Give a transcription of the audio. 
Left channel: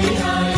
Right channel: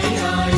Messiah.